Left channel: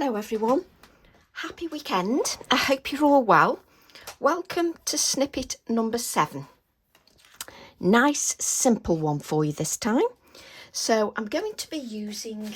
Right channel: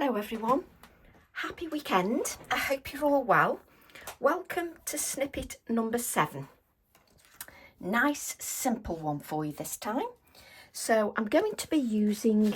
Hello everyone, happy weekend. I hope you're all well. Welcome to snippet number 7. Nice simple one for you this time. So I'm going to be using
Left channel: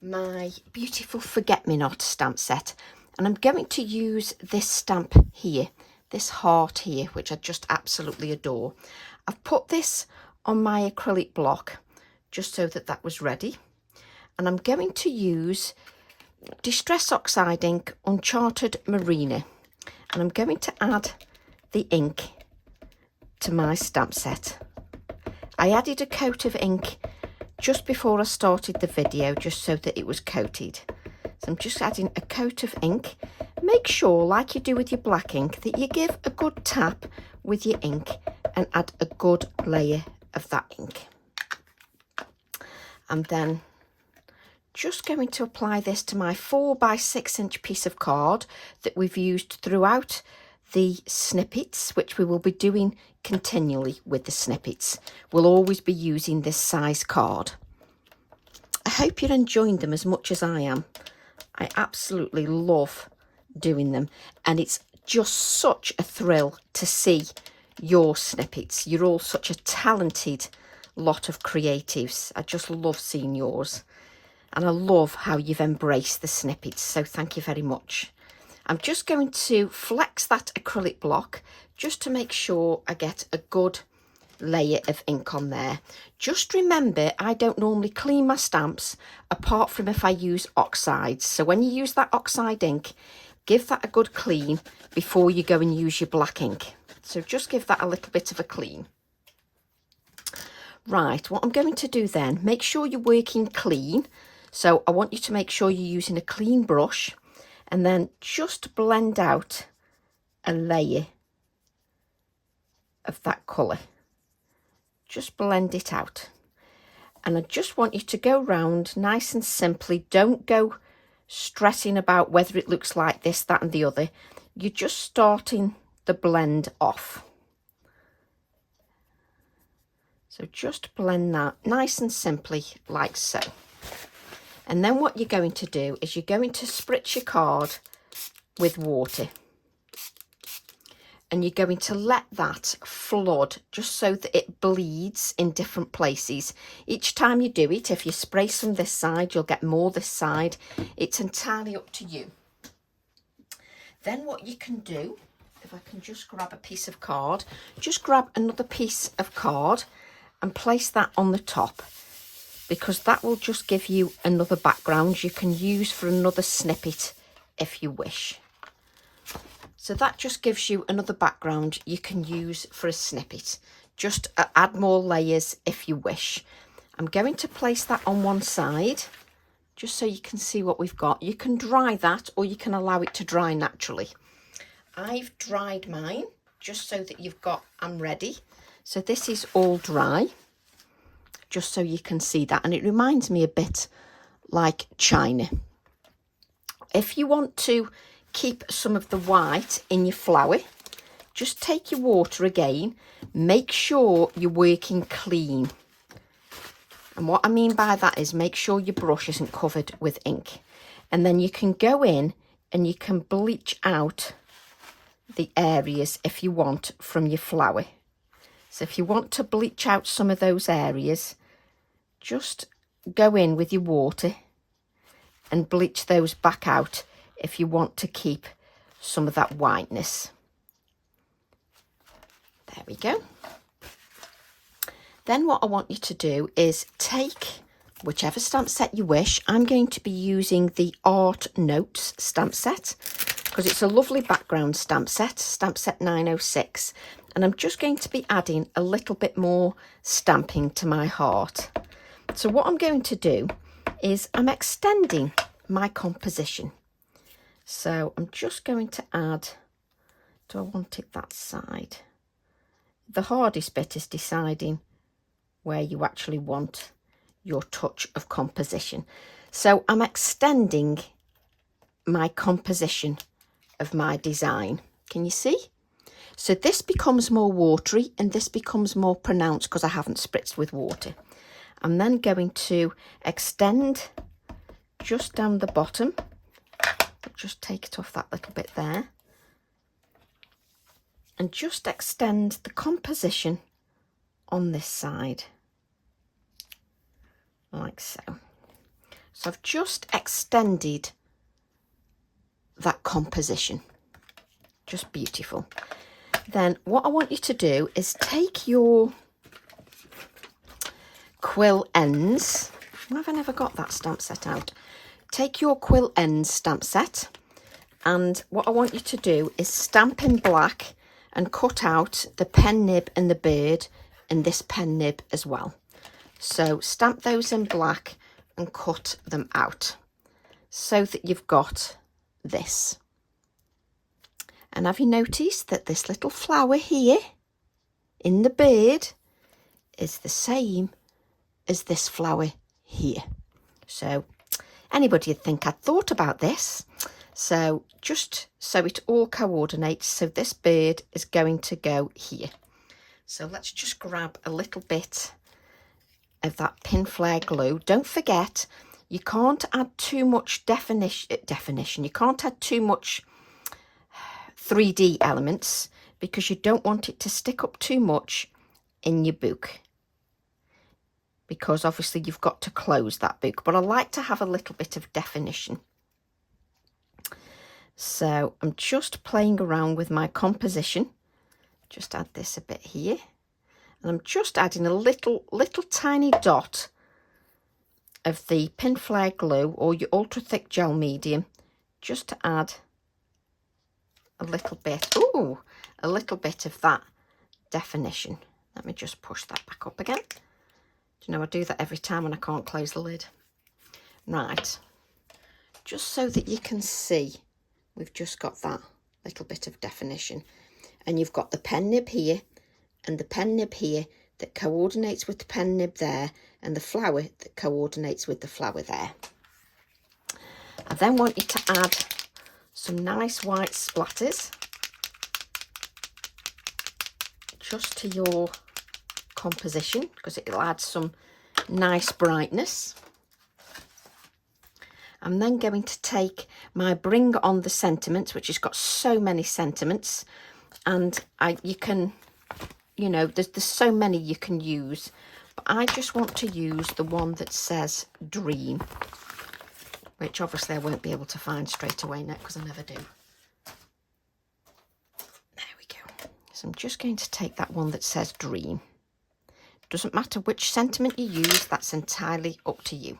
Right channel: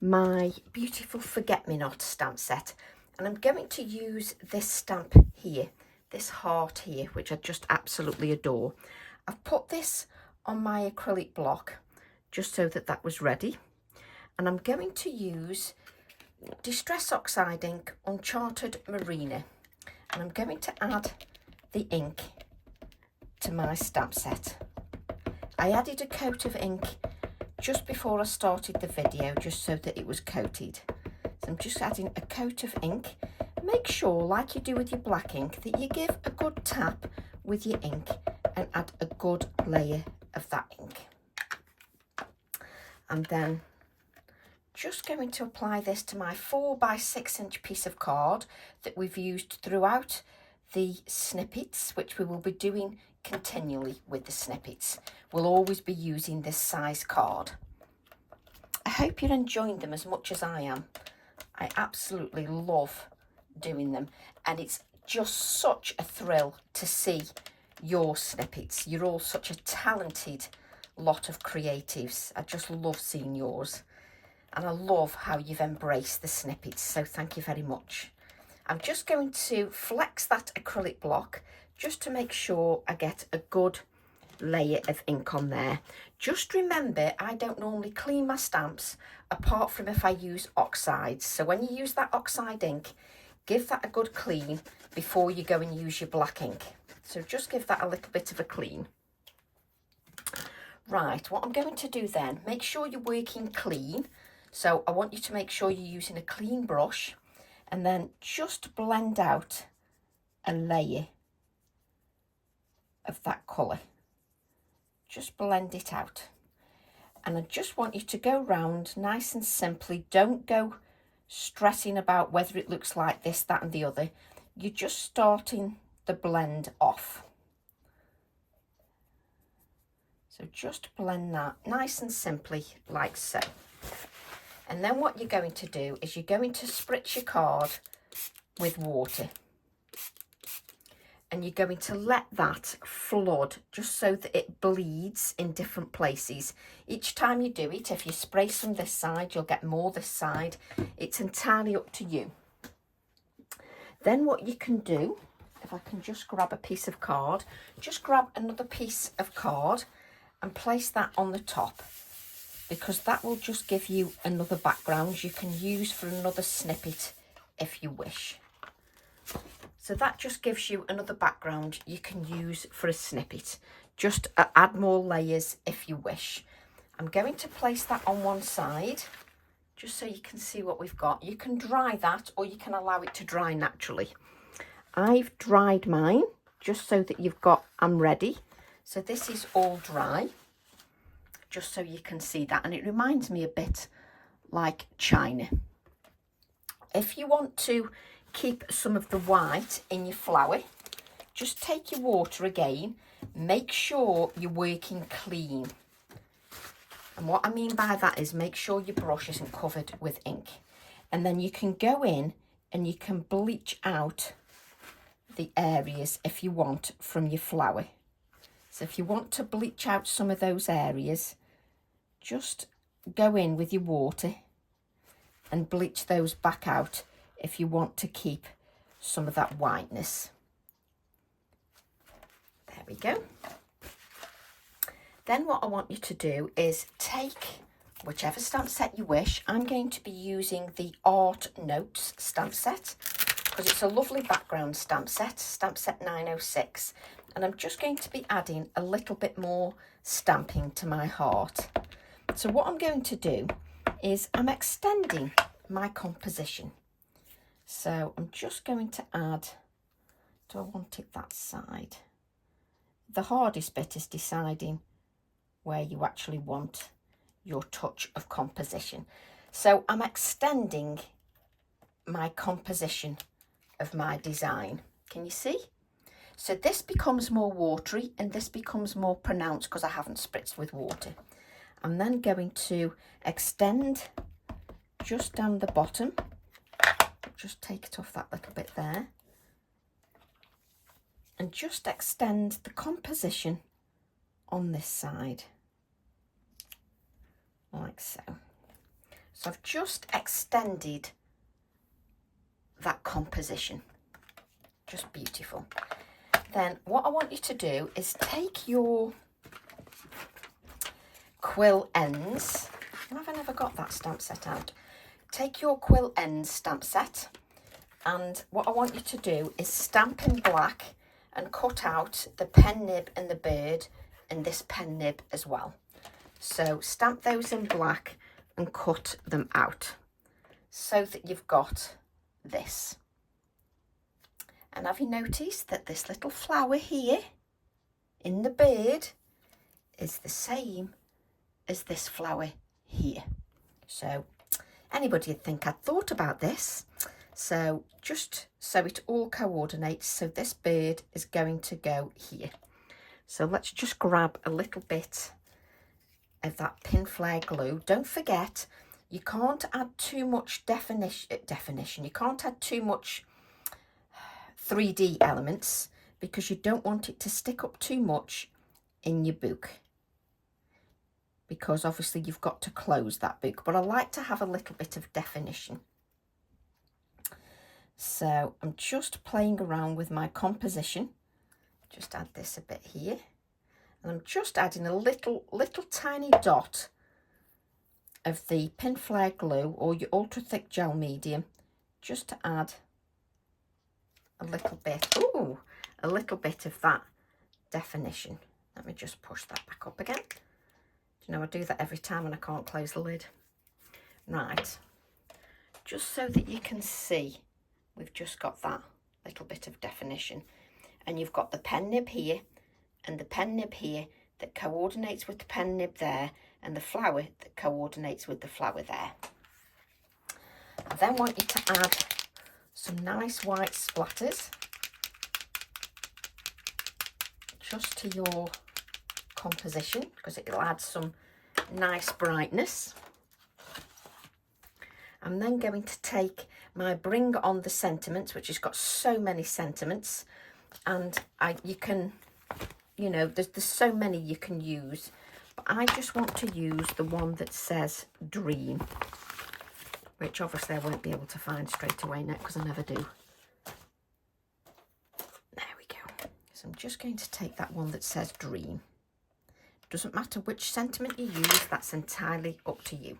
my beautiful forget-me-not stamp set, and I'm going to use this stamp here, this heart here, which I just absolutely adore. I've put this on my acrylic block just so that was ready, and I'm going to use Distress Oxide ink Uncharted Marina, and I'm going to add the ink to my stamp set. I added a coat of ink just before I started the video just so that it was coated. So I'm just adding a coat of ink. Make sure, like you do with your black ink, that you give a good tap with your ink and add a good layer of that ink. And then just going to apply this to my 4 by 6 inch piece of card that we've used throughout the snippets, which we will be doing continually with the snippets. We'll always be using this size card. I hope you're enjoying them as much as I am. I absolutely love doing them, and it's just such a thrill to see your snippets. You're all such a talented lot of creatives. I just love seeing yours. And I love how you've embraced the snippets, so thank you very much. I'm just going to flex that acrylic block just to make sure I get a good layer of ink on there. Just remember, I don't normally clean my stamps apart from if I use oxides. So when you use that oxide ink, give that a good clean before you go and use your black ink. So just give that a little bit of a clean. Right, what I'm going to do then, make sure you're working clean. So I want you to make sure you're using a clean brush, and then just blend out a layer of that colour. Just blend it out. And I just want you to go round nice and simply. Don't go stressing about whether it looks like this, that and the other. You're just starting the blend off. So just blend that nice and simply like so. And then what you're going to do is you're going to spritz your card with water. And you're going to let that flood just so that it bleeds in different places. Each time you do it, if you spray some this side, you'll get more this side. It's entirely up to you. Then what you can do, if I can just grab a piece of card, just grab another piece of card and place that on the top, because that will just give you another background you can use for another snippet if you wish. So that just gives you another background you can use for a snippet. Just add more layers if you wish. I'm going to place that on one side just so you can see what we've got. You can dry that or you can allow it to dry naturally. I've dried mine just so that you've got, I'm ready. So this is all dry, just so you can see that, and it reminds me a bit like China. If you want to keep some of the white in your flower, just take your water again, make sure you're working clean. And what I mean by that is make sure your brush isn't covered with ink, and then you can go in and you can bleach out the areas if you want from your flower. So if you want to bleach out some of those areas, just go in with your water and bleach those back out if you want to keep some of that whiteness. There we go. Then what I want you to do is take whichever stamp set you wish. I'm going to be using the Art Notes stamp set because it's a lovely background stamp set 906. And I'm just going to be adding a little bit more stamping to my heart. So what I'm going to do is I'm extending my composition. So I'm just going to add, do I want it that side? The hardest bit is deciding where you actually want your touch of composition. So I'm extending my composition of my design. Can you see? So this becomes more watery and this becomes more pronounced because I haven't spritzed with water. I'm then going to extend just down the bottom Just take it off that little bit there. And just extend the composition on this side. Like so. So I've just extended that composition. Just beautiful. Then what I want you to do is take your Quill Ends. Why have I never got that stamp set out? Take your Quill Ends stamp set, and what I want you to do is stamp in black and cut out the pen nib and the bird and this pen nib as well. So stamp those in black and cut them out so that you've got this. And have you noticed that this little flower here in the bird is the same as this flower here? So anybody would think I'd thought about this. So just so it all coordinates, so this bird is going to go here. So let's just grab a little bit of that pin flare glue. Don't forget, you can't add too much definition. You can't add too much 3D elements because you don't want it to stick up too much in your book, because obviously you've got to close that book, but I like to have a little bit of definition. So I'm just playing around with my composition. Just add this a bit here, and I'm just adding a little tiny dot of the pin flare glue or your ultra thick gel medium, just to add a little bit, a little bit of that definition. Let me just push that back up again. Do you know, I do that every time when I can't close the lid. Right, just so that you can see, we've just got that little bit of definition, and you've got the pen nib here and the pen nib here that coordinates with the pen nib there, and the flower that coordinates with the flower there. I then want you to add some nice white splatters just to your composition, because it'll add some nice brightness. I'm then going to take my Bring On the Sentiments, which has got so many sentiments, and you can, you know, there's so many you can use, but I just want to use the one that says Dream, which obviously I won't be able to find straight away now because I never do. There we go. So I'm just going to take that one that says Dream. Doesn't matter which sentiment you use, that's entirely up to you.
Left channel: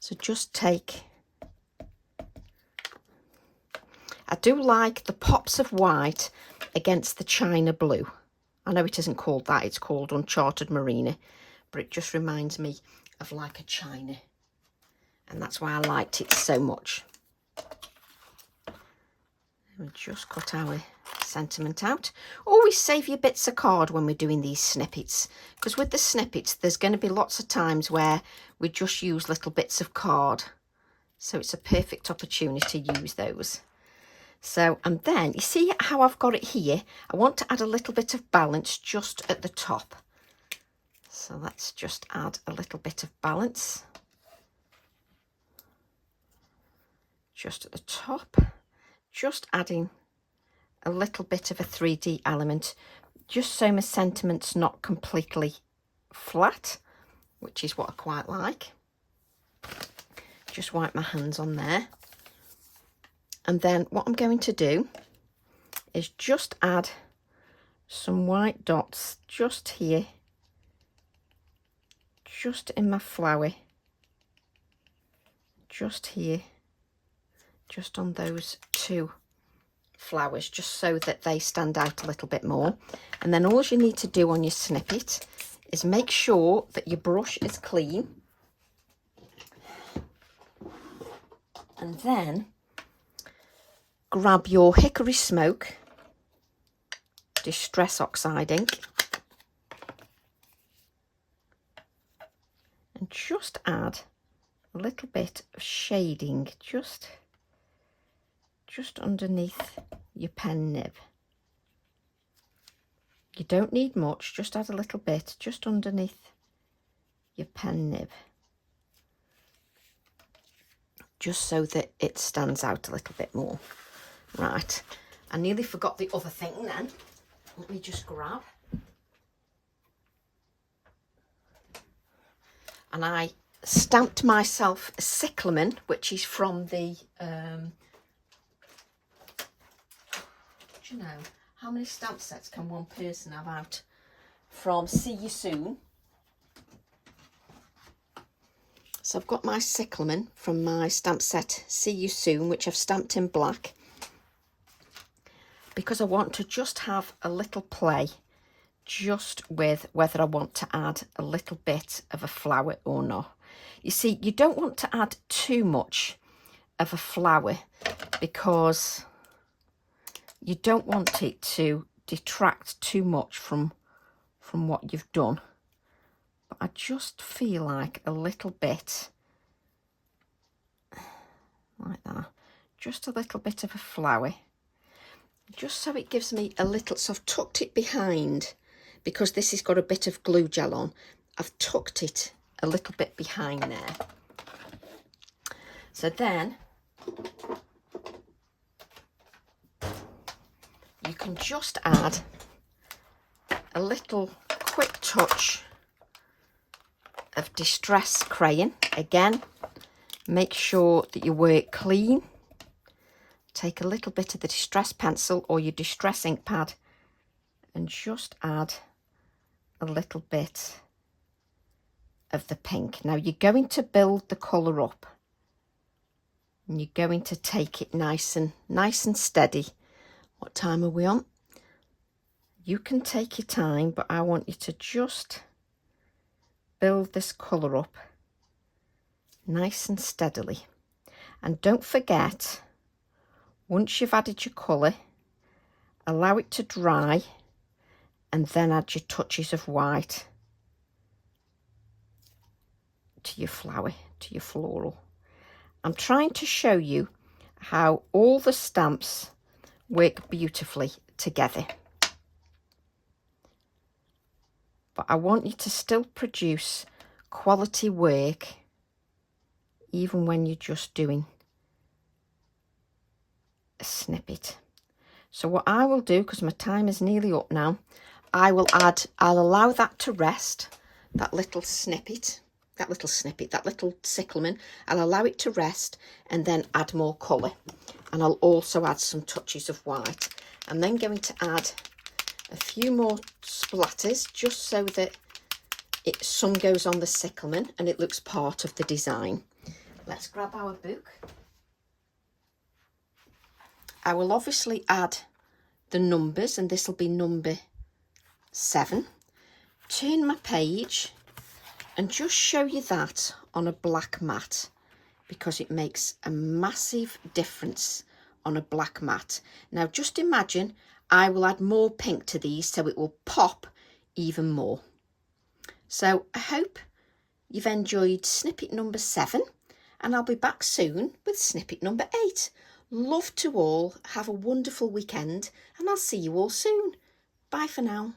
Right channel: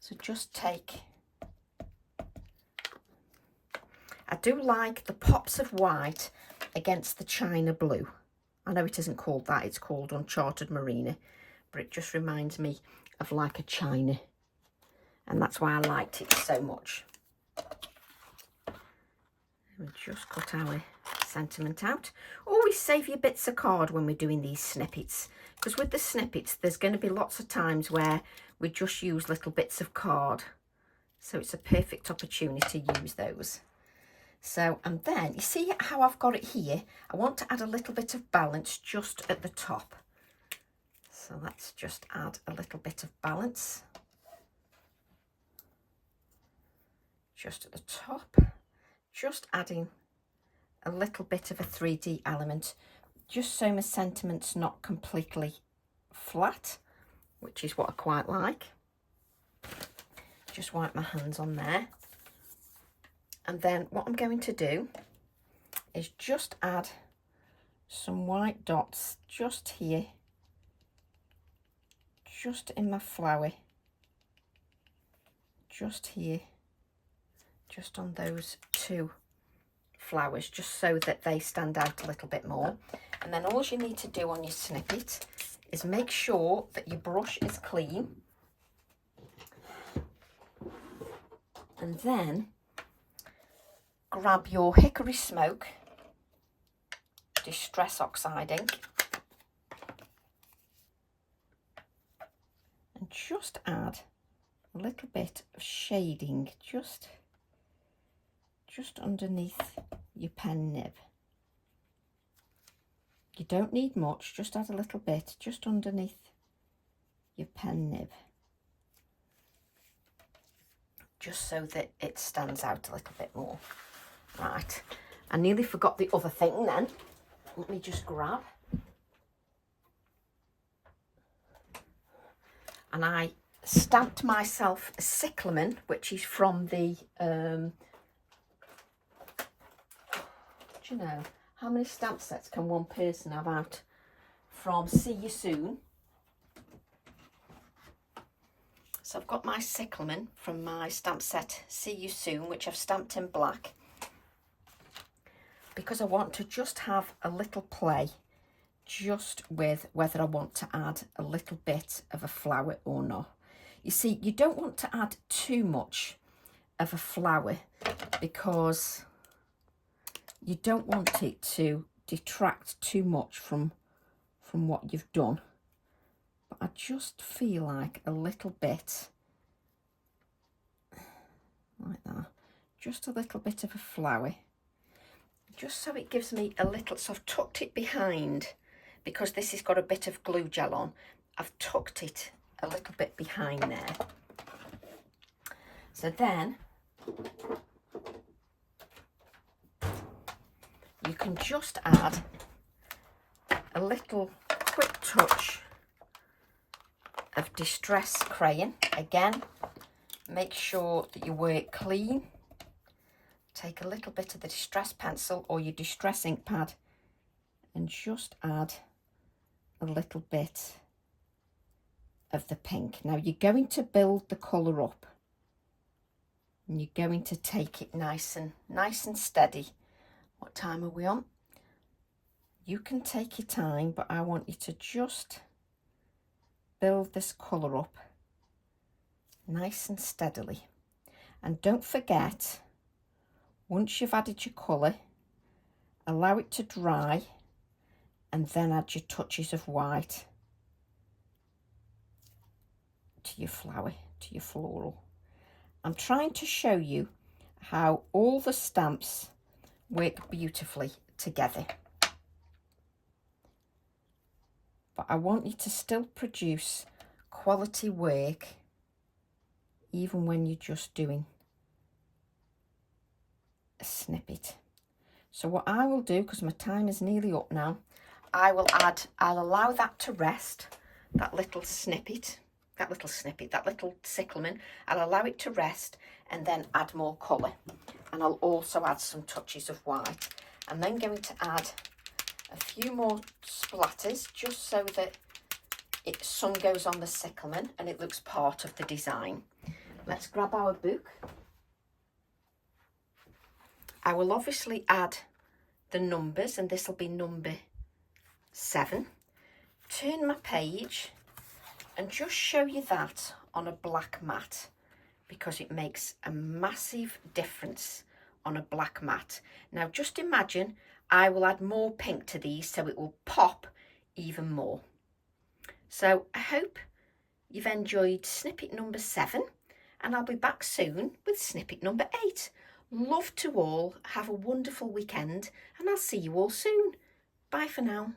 So just take, I do like the pops of white against the China blue. I know it isn't called that, it's called Uncharted Marina, but it just reminds me of like a China. And that's why I liked it so much. We just cut our sentiment out. Always save your bits of card when we're doing these snippets, because with the snippets there's going to be lots of times where we just use little bits of card. So it's a perfect opportunity to use those. So, and then you see how I've got it here? I want to add a little bit of balance just at the top. So let's just add a little bit of balance. Just at the top, just adding a little bit of a 3D element, just so my sentiment's not completely flat, which is what I quite like. Just wipe my hands on there. And then what I'm going to do is just add some white dots just here, just in my flower, just here, just on those two flowers, just so that they stand out a little bit more. And then all you need to do on your snippet is make sure that your brush is clean, and then grab your Hickory Smoke Distress Oxide ink and just add a little bit of shading just underneath your pen nib. You don't need much, just add a little bit just underneath your pen nib, just so that it stands out a little bit more. Right, I nearly forgot the other thing then. Let me just grab. And I stamped myself a cyclamen, which is from the, do you know, how many stamp sets can one person have out? From See You Soon. So I've got my cyclamen from my stamp set See You Soon, which I've stamped in black, because I want to just have a little play just with whether I want to add a little bit of a flower or not. You see, you don't want to add too much of a flower because you don't want it to detract too much from what you've done. But I just feel like a little bit like that, just a little bit of a flower, just so it gives me a little, so I've tucked it behind, because this has got a bit of glue gel on. I've tucked it a little bit behind there. So then you can just add a little quick touch of distress crayon. Again, make sure that you work clean. Take a little bit of the distress pencil or your distress ink pad and just add a little bit of the pink. Now you're going to build the colour up and you're going to take it nice and steady. What time are we on? You can take your time, but I want you to just build this colour up nice and steadily. And don't forget, once you've added your colour, allow it to dry and then add your touches of white to your flower, to your floral. I'm trying to show you how all the stamps work beautifully together. But I want you to still produce quality work even when you're just doing a snippet. So what I will do, because my time is nearly up now, I'll allow that to rest, that little cyclamen. I'll allow it to rest and then add more colour. And I'll also add some touches of white. I'm then going to add a few more splatters just so that some goes on the cyclamen and it looks part of the design. Let's grab our book. I will obviously add the numbers, and this will be number 7. Turn my page and just show you that on a black mat, because it makes a massive difference on a black mat. Now just imagine I will add more pink to these so it will pop even more. So I hope you've enjoyed snippet number 7, and I'll be back soon with snippet number 8. Love to all, have a wonderful weekend, and I'll see you all soon. Bye for now.